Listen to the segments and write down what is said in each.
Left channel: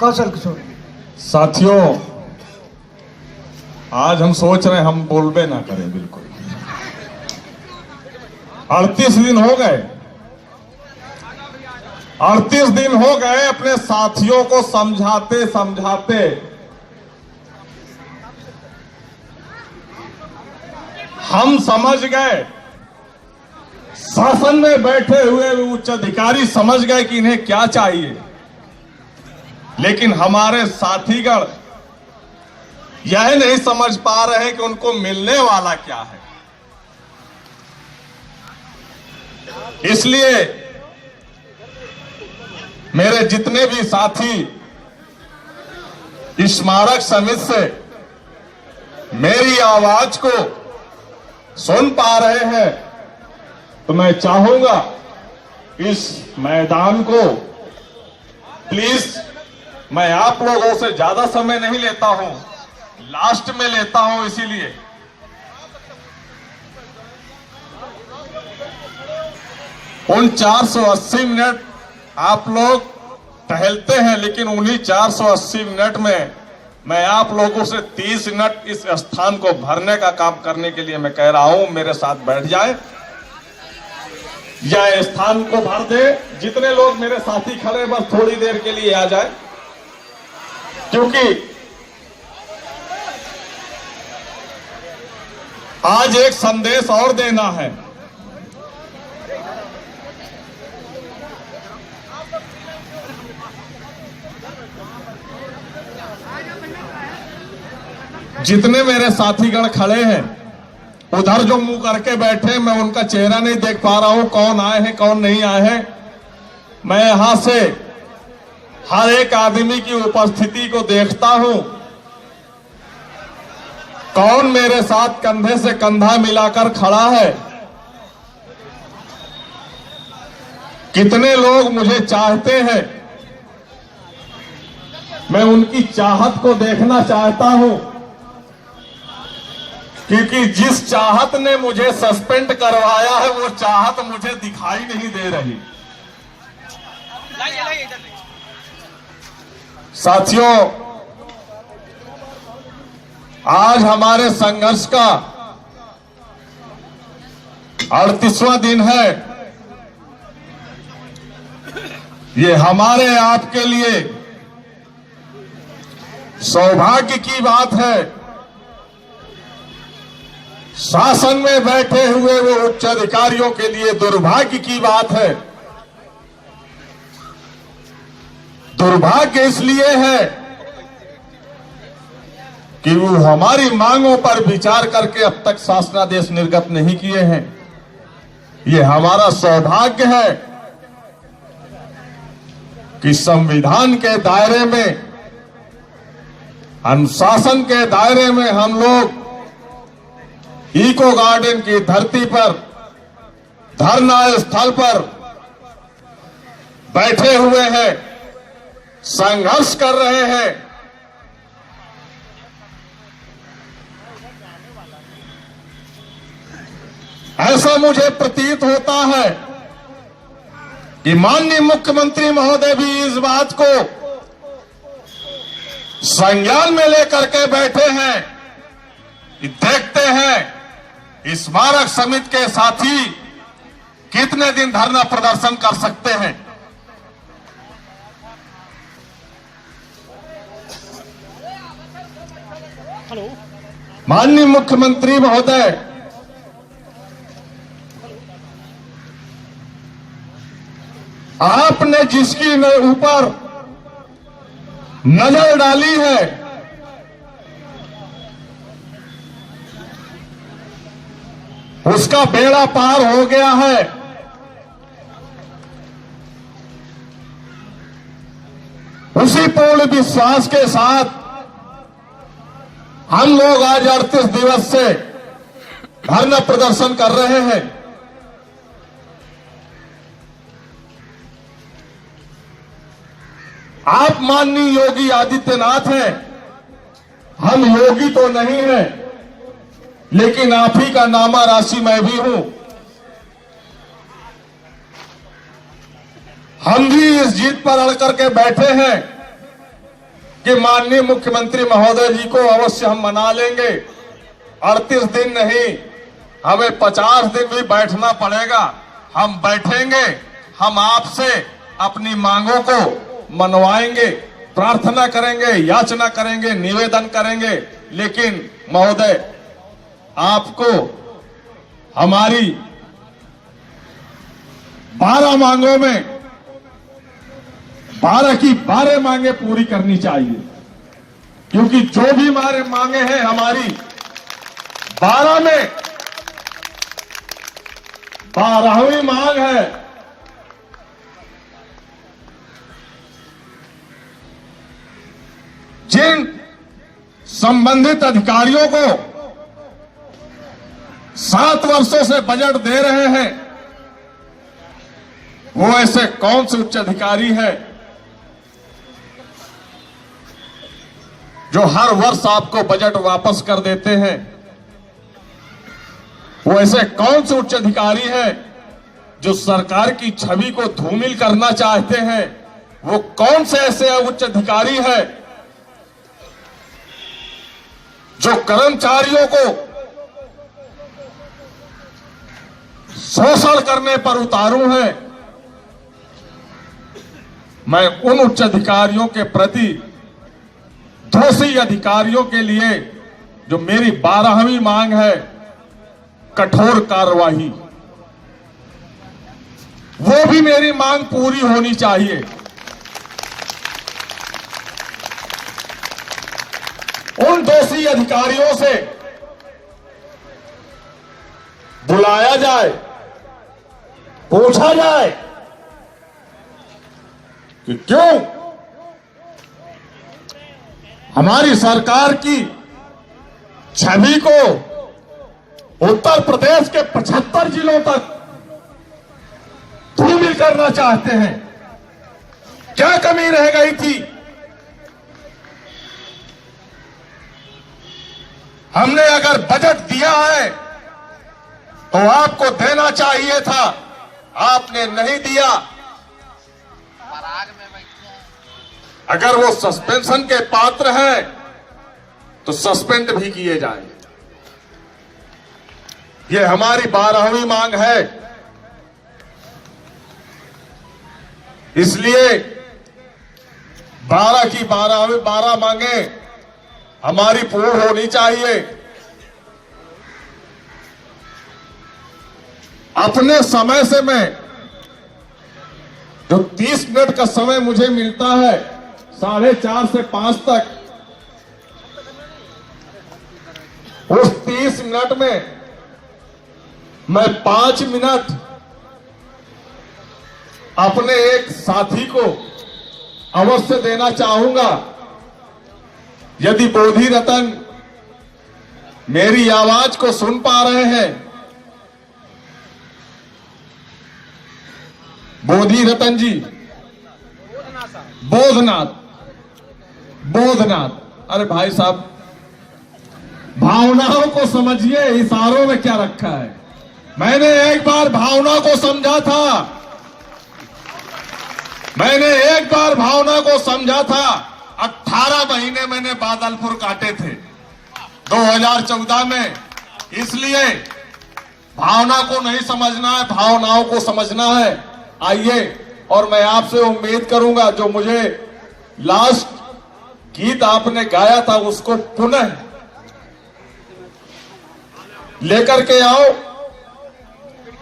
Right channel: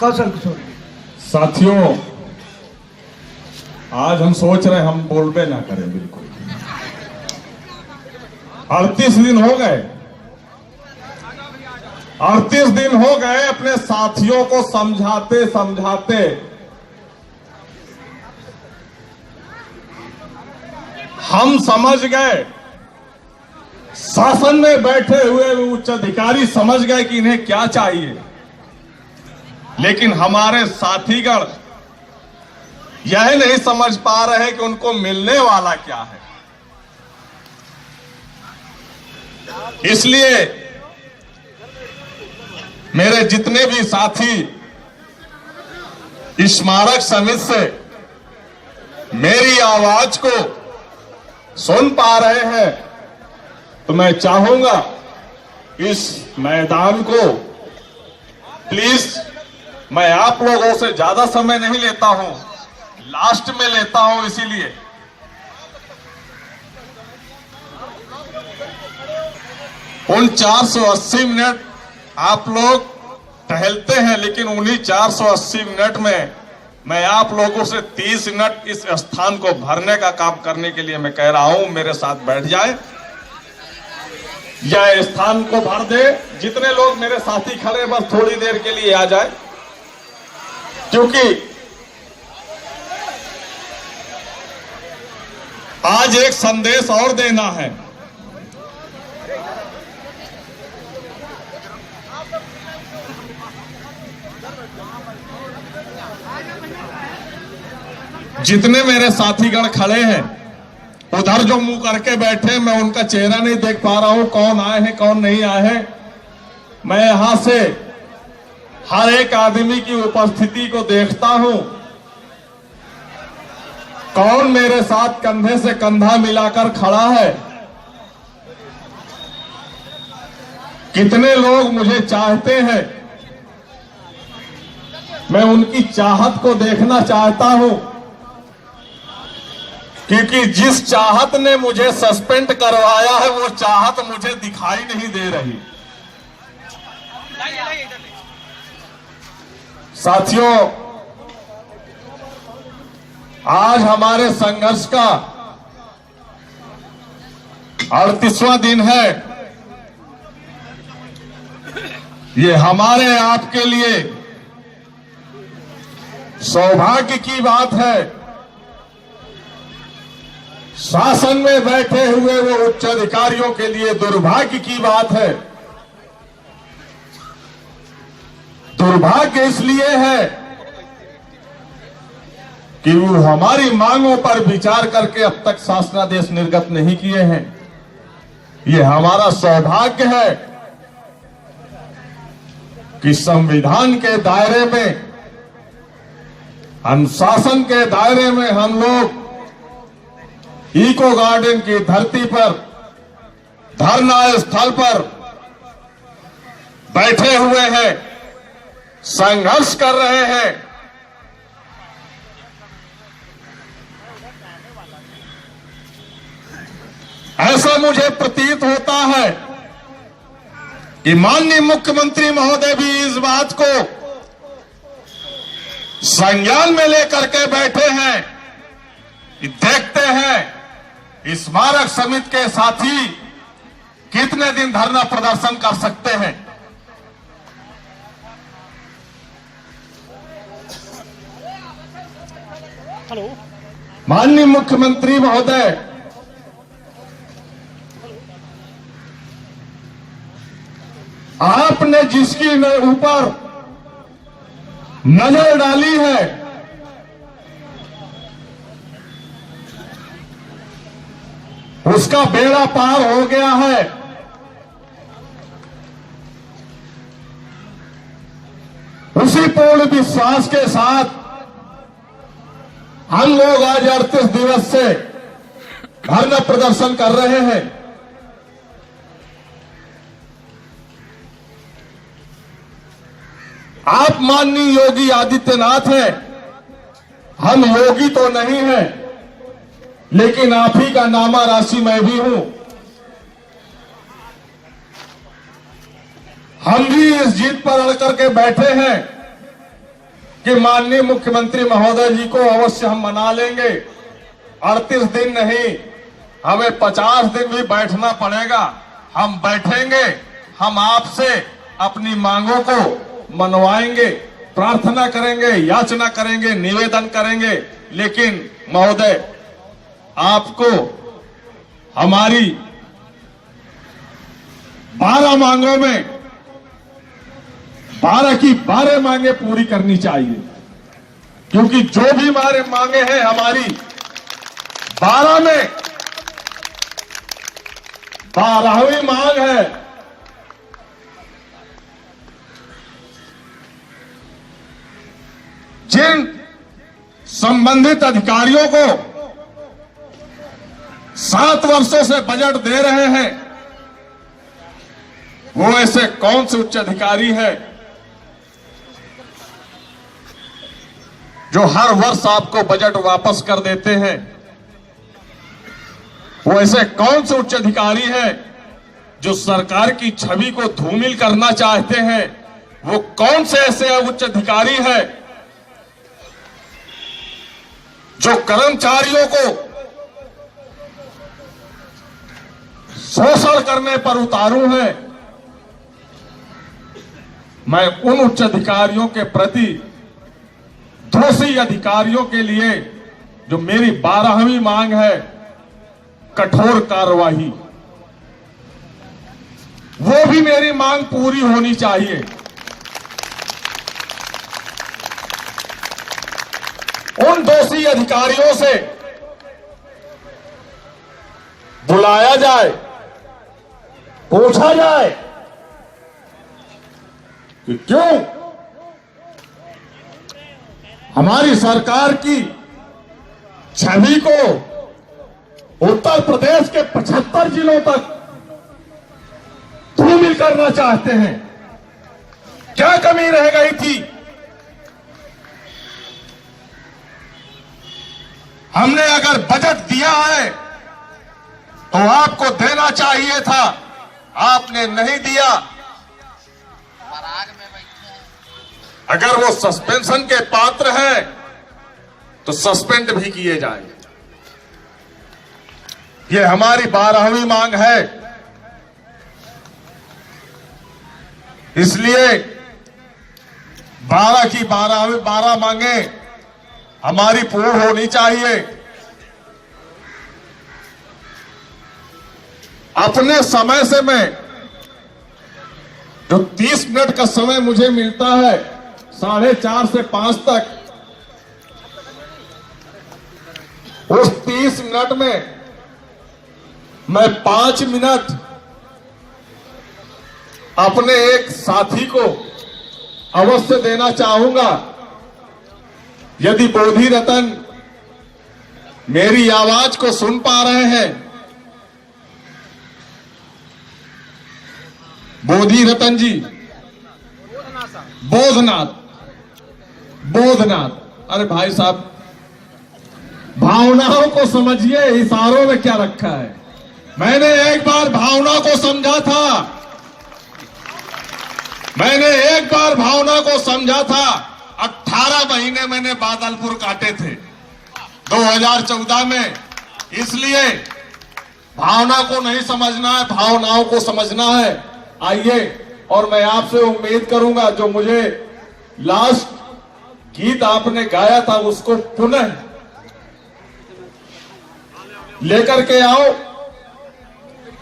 कौशल किशोर। साथियों, आज हम सोच रहे हैं हम बोलबे ना करें बिल्कुल। 38 दिन हो गए, 38 दिन हो गए अपने साथियों को समझाते समझाते। हम समझ गए, शासन में बैठे हुए उच्च अधिकारी समझ गए कि इन्हें क्या चाहिए, लेकिन हमारे साथीगण यह नहीं समझ पा रहे कि उनको मिलने वाला क्या है। इसलिए मेरे जितने भी साथी स्मारक समिति से मेरी आवाज को सुन पा रहे हैं, तो मैं चाहूंगा इस मैदान को प्लीज, मैं आप लोगों से ज्यादा समय नहीं लेता हूं, लास्ट में लेता हूं, इसीलिए उन 480 मिनट आप लोग टहलते हैं, लेकिन उन्हीं 480 मिनट में मैं आप लोगों से 30 मिनट इस स्थान को भरने का काम करने के लिए मैं कह रहा हूं, मेरे साथ बैठ जाए, या स्थान को भर दे। जितने लोग मेरे साथी खड़े बस थोड़ी देर के लिए आ जाए, क्योंकि आज एक संदेश और देना है। जितने मेरे साथीगण खड़े हैं, उधर जो मुंह करके बैठे, मैं उनका चेहरा नहीं देख पा रहा हूं, कौन आए हैं कौन नहीं आए हैं। मैं यहां से हर एक आदमी की उपस्थिति को देखता हूं, कौन मेरे साथ कंधे से कंधा मिलाकर खड़ा है, कितने लोग मुझे चाहते हैं। मैं उनकी चाहत को देखना चाहता हूं, क्योंकि जिस चाहत ने मुझे सस्पेंड करवाया है वो चाहत मुझे दिखाई नहीं दे रही। साथियों, आज हमारे संघर्ष का 38वां दिन है। ये हमारे आपके लिए सौभाग्य की बात है, शासन में बैठे हुए वो उच्च अधिकारियों के लिए दुर्भाग्य की बात है। दुर्भाग्य इसलिए है कि वो हमारी मांगों पर विचार करके अब तक शासनादेश निर्गत नहीं किए हैं। ये हमारा सौभाग्य है कि संविधान के दायरे में, अनुशासन के दायरे में हम लोग इको गार्डन की धरती पर, धरना स्थल पर बैठे हुए हैं, संघर्ष कर रहे हैं। ऐसा मुझे प्रतीत होता है कि माननीय मुख्यमंत्री महोदय भी इस बात को संज्ञान में लेकर के बैठे हैं कि देखते हैं स्मारक समिति के साथी कितने दिन धरना प्रदर्शन कर सकते हैं। हेलो, माननीय मुख्यमंत्री महोदय, आपने जिसकी ऊपर नजर डाली है, उसका बेड़ा पार हो गया है। उसी पूर्ण विश्वास के साथ हम लोग आज 38 दिवस से धरना प्रदर्शन कर रहे हैं। आप माननीय योगी आदित्यनाथ हैं, हम योगी तो नहीं हैं, लेकिन आप ही का नामा राशि मैं भी हूं। हम भी इस जीत पर अड़ करके बैठे हैं कि माननीय मुख्यमंत्री महोदय जी को अवश्य हम मना लेंगे। 38 दिन नहीं, हमें 50 दिन भी बैठना पड़ेगा, हम बैठेंगे, हम आपसे अपनी मांगों को मनवाएंगे, प्रार्थना करेंगे, याचना करेंगे, निवेदन करेंगे। लेकिन महोदय, आपको हमारी 12 मांगों में 12 की 12 मांगे पूरी करनी चाहिए, क्योंकि जो भी हमारे मांगे हैं हमारी 12 में 12वीं मांग है जिन संबंधित अधिकारियों को 7 वर्षों से बजट दे रहे हैं, वो ऐसे कौन से उच्च अधिकारी है जो हर वर्ष आपको बजट वापस कर देते हैं? वो ऐसे कौन से उच्च अधिकारी है जो सरकार की छवि को धूमिल करना चाहते हैं? वो कौन से ऐसे उच्च अधिकारी है जो कर्मचारियों को शोषण करने पर उतारू है? मैं उन उच्च अधिकारियों के प्रति, दोषी अधिकारियों के लिए, जो मेरी 12वीं मांग है, कठोर कार्रवाई, वो भी मेरी मांग पूरी होनी चाहिए। उन दोषी अधिकारियों से बुलाया जाए, पूछा जाए कि क्यों हमारी सरकार की छवि को उत्तर प्रदेश के 75 जिलों तक धूमिल करना चाहते हैं। क्या कमी रह गई थी? हमने अगर बजट दिया है तो आपको देना चाहिए था, आपने नहीं दिया। अगर वो सस्पेंशन के पात्र है तो सस्पेंड भी किए जाए। ये हमारी 12वीं मांग है। इसलिए 12 की 12 मांगे हमारी पूर्ण होनी चाहिए। अपने समय से मैं जो 30 मिनट का समय मुझे मिलता है 4:30 से 5 तक, उस 30 मिनट में मैं 5 मिनट अपने एक साथी को अवश्य देना चाहूंगा। यदि बोधि रतन मेरी आवाज को सुन पा रहे हैं, बोधि रतन जी, बोधनाथ, अरे भाई साहब, भावनाओं को समझिए, इशारों में क्या रखा है। मैंने एक बार भावना को समझा था, मैंने एक बार भावना को समझा था। 18 महीने मैंने बादलपुर काटे थे 2014 में। इसलिए भावना को नहीं समझना है, भावनाओं को समझना है। आइए, और मैं आपसे उम्मीद करूंगा जो मुझे लास्ट गीत आपने गाया था उसको पुनः लेकर के आओ,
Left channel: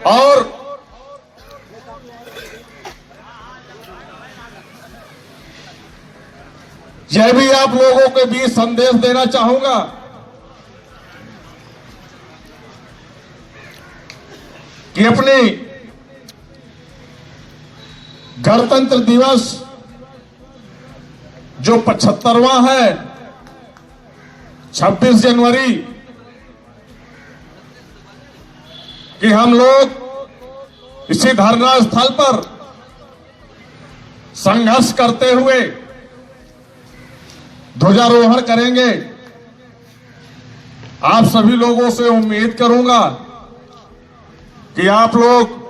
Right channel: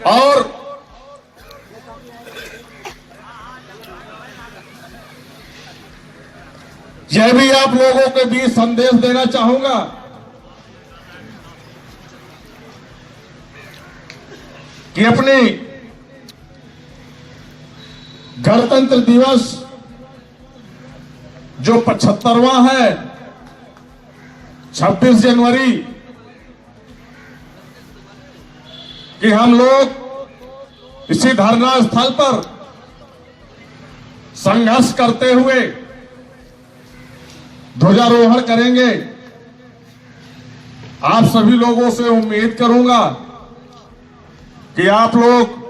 और यह भी आप लोगों के बीच संदेश देना चाहूंगा कि अपनी गणतंत्र दिवस जो 75वां है, 26 जनवरी, कि हम लोग इसी धरना स्थल पर संघर्ष करते हुए ध्वजारोहण करेंगे। आप सभी लोगों से उम्मीद करूंगा कि आप लोग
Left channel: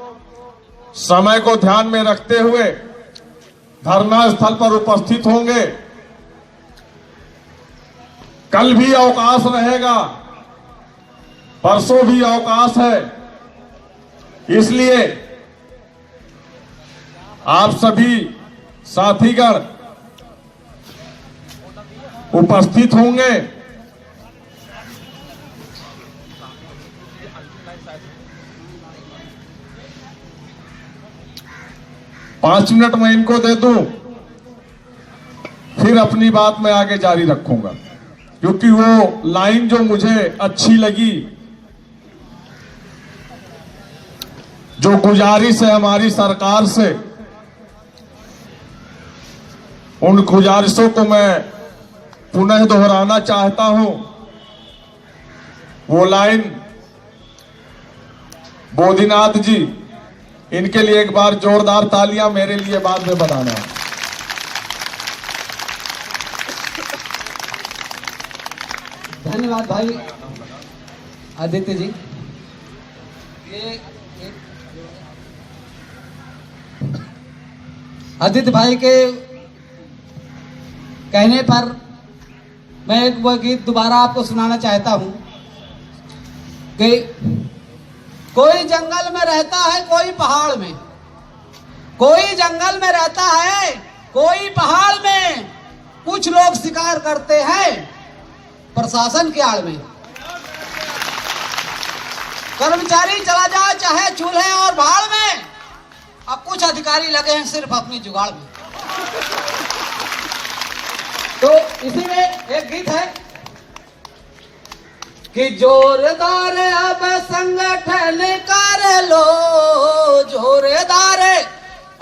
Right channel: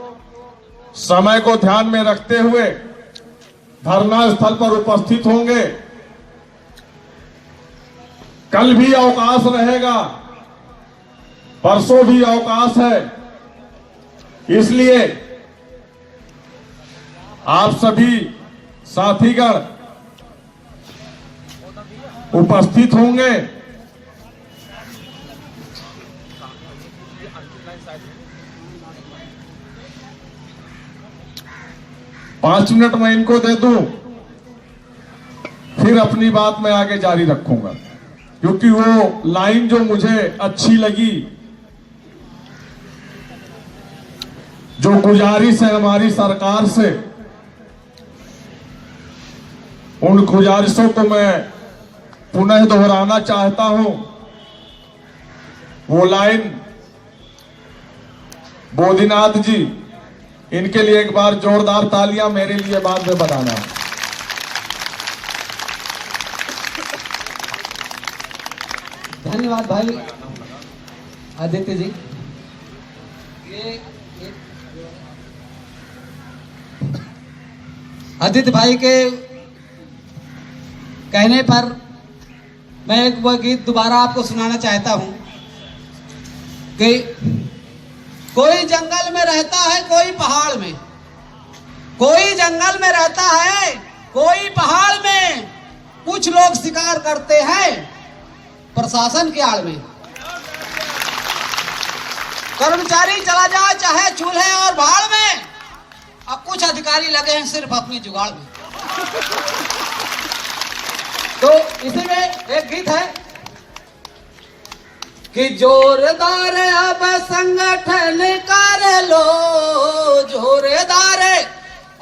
समय को ध्यान में रखते हुए धरना स्थल पर उपस्थित होंगे। कल भी अवकाश रहेगा, परसों भी अवकाश है। इसलिए आप सभी साथीगण उपस्थित होंगे। पांच मिनट मैं इनको दे दूं, फिर अपनी बात मैं आगे जारी रखूंगा, क्योंकि वो लाइन जो मुझे अच्छी लगी, जो गुजारिश है हमारी सरकार से, उन गुजारिशों को मैं पुनः दोहराना चाहता हूं। वो लाइन बोधीनाथ जी, इनके लिए एक बार जोरदार तालियां मेरे लिए बाद में बताना है। धन्यवाद भाई आदित्य जी। ये आदित्य भाई के कहने पर मैं एक वो गीत दोबारा आपको सुनाना चाहता हूं कि कोई जंगल में रहता है, कोई पहाड़ में, कोई जंगल में रहता है, कोई पहाड़ में, कुछ लोग शिकार करते हैं प्रशासन की आड़ में। कर्मचारी चला जाए चाहे चूल्हे और भाड़ में, अब कुछ अधिकारी लगे हैं सिर्फ अपनी जुगाड़ में। तो इसी में एक गीत है कि जोरदार अब संगठन कर लो, जोरदार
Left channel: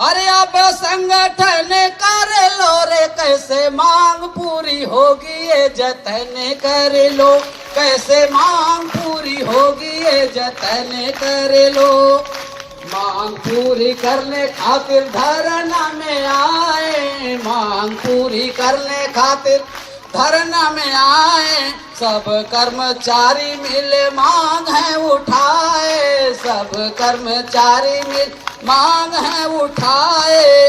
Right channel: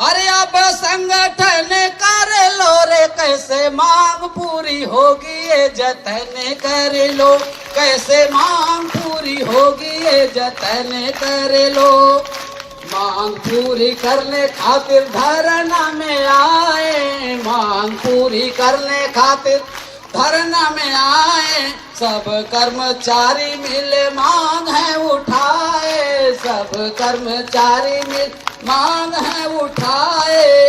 अरे अब संगठन कर लो रे, कैसे मांग पूरी होगी ये जतन कर लो, कैसे मांग पूरी होगी ये जतन कर लो। मांग पूरी करने खातिर धरना में आए, मांग पूरी करने खातिर धरना में आए, सब कर्मचारी मिले मांग है उठाए, सब कर्मचारी मिल मांग है उठाए,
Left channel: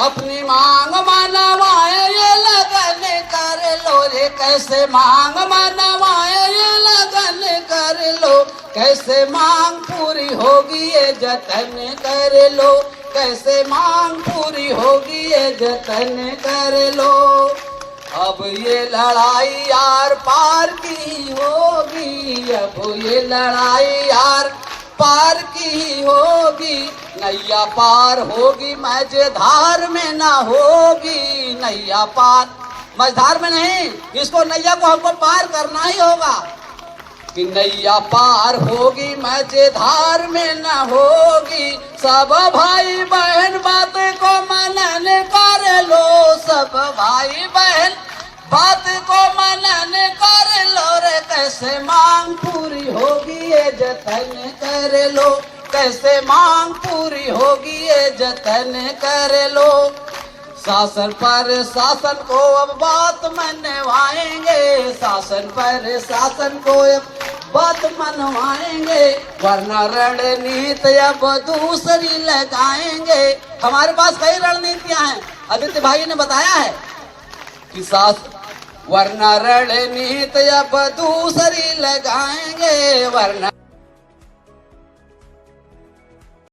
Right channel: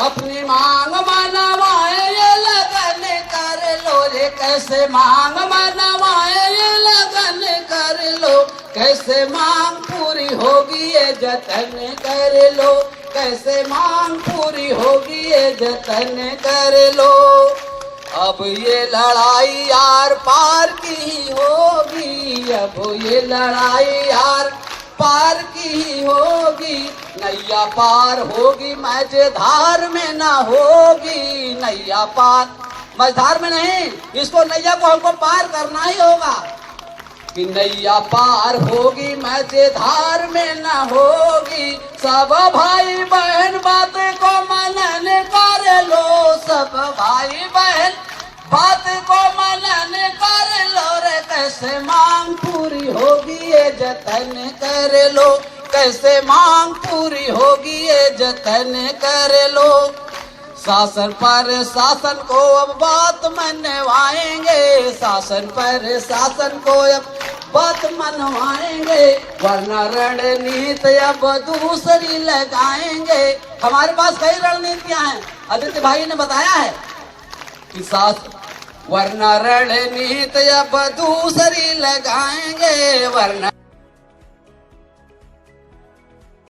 अपनी मांग मनवाए ये लगन कर लो रे, कैसे मांग मनवाए ये लगन कर लो, कैसे मांग पूरी होगी ये जतन कर लो, कैसे मांग पूरी होगी ये जतन कर लो। अब ये लड़ाई आर पार की होगी, अब ये लड़ाई आर पार की होगी, नैया पार होगी मझधार में ना होगी, नैया पार मझधार में नहीं, इसको नैया को हमको पार करना ही होगा कि नैया पार होगी मझधार में ना होगी। सब भाई बहन बात को मनन कर लो, सब भाई बहन बात को मनन कर लो रे, कैसे मांग पूरी होगी ये जतन कर लो, कैसे मांग पूरी होगी ये जतन कर लो। शासन पर शासन को अब बात मनवाएंगे, शासन पर शासन को अब बात मनवाएंगे, वरना रणनीति अब दूसरी लगाएंगे। हमारे पास कई रणनीतियां हैं, आदित्य भाई ने बताया है कि वरना रणनीति अब दूसरी लगाएंगे, वरना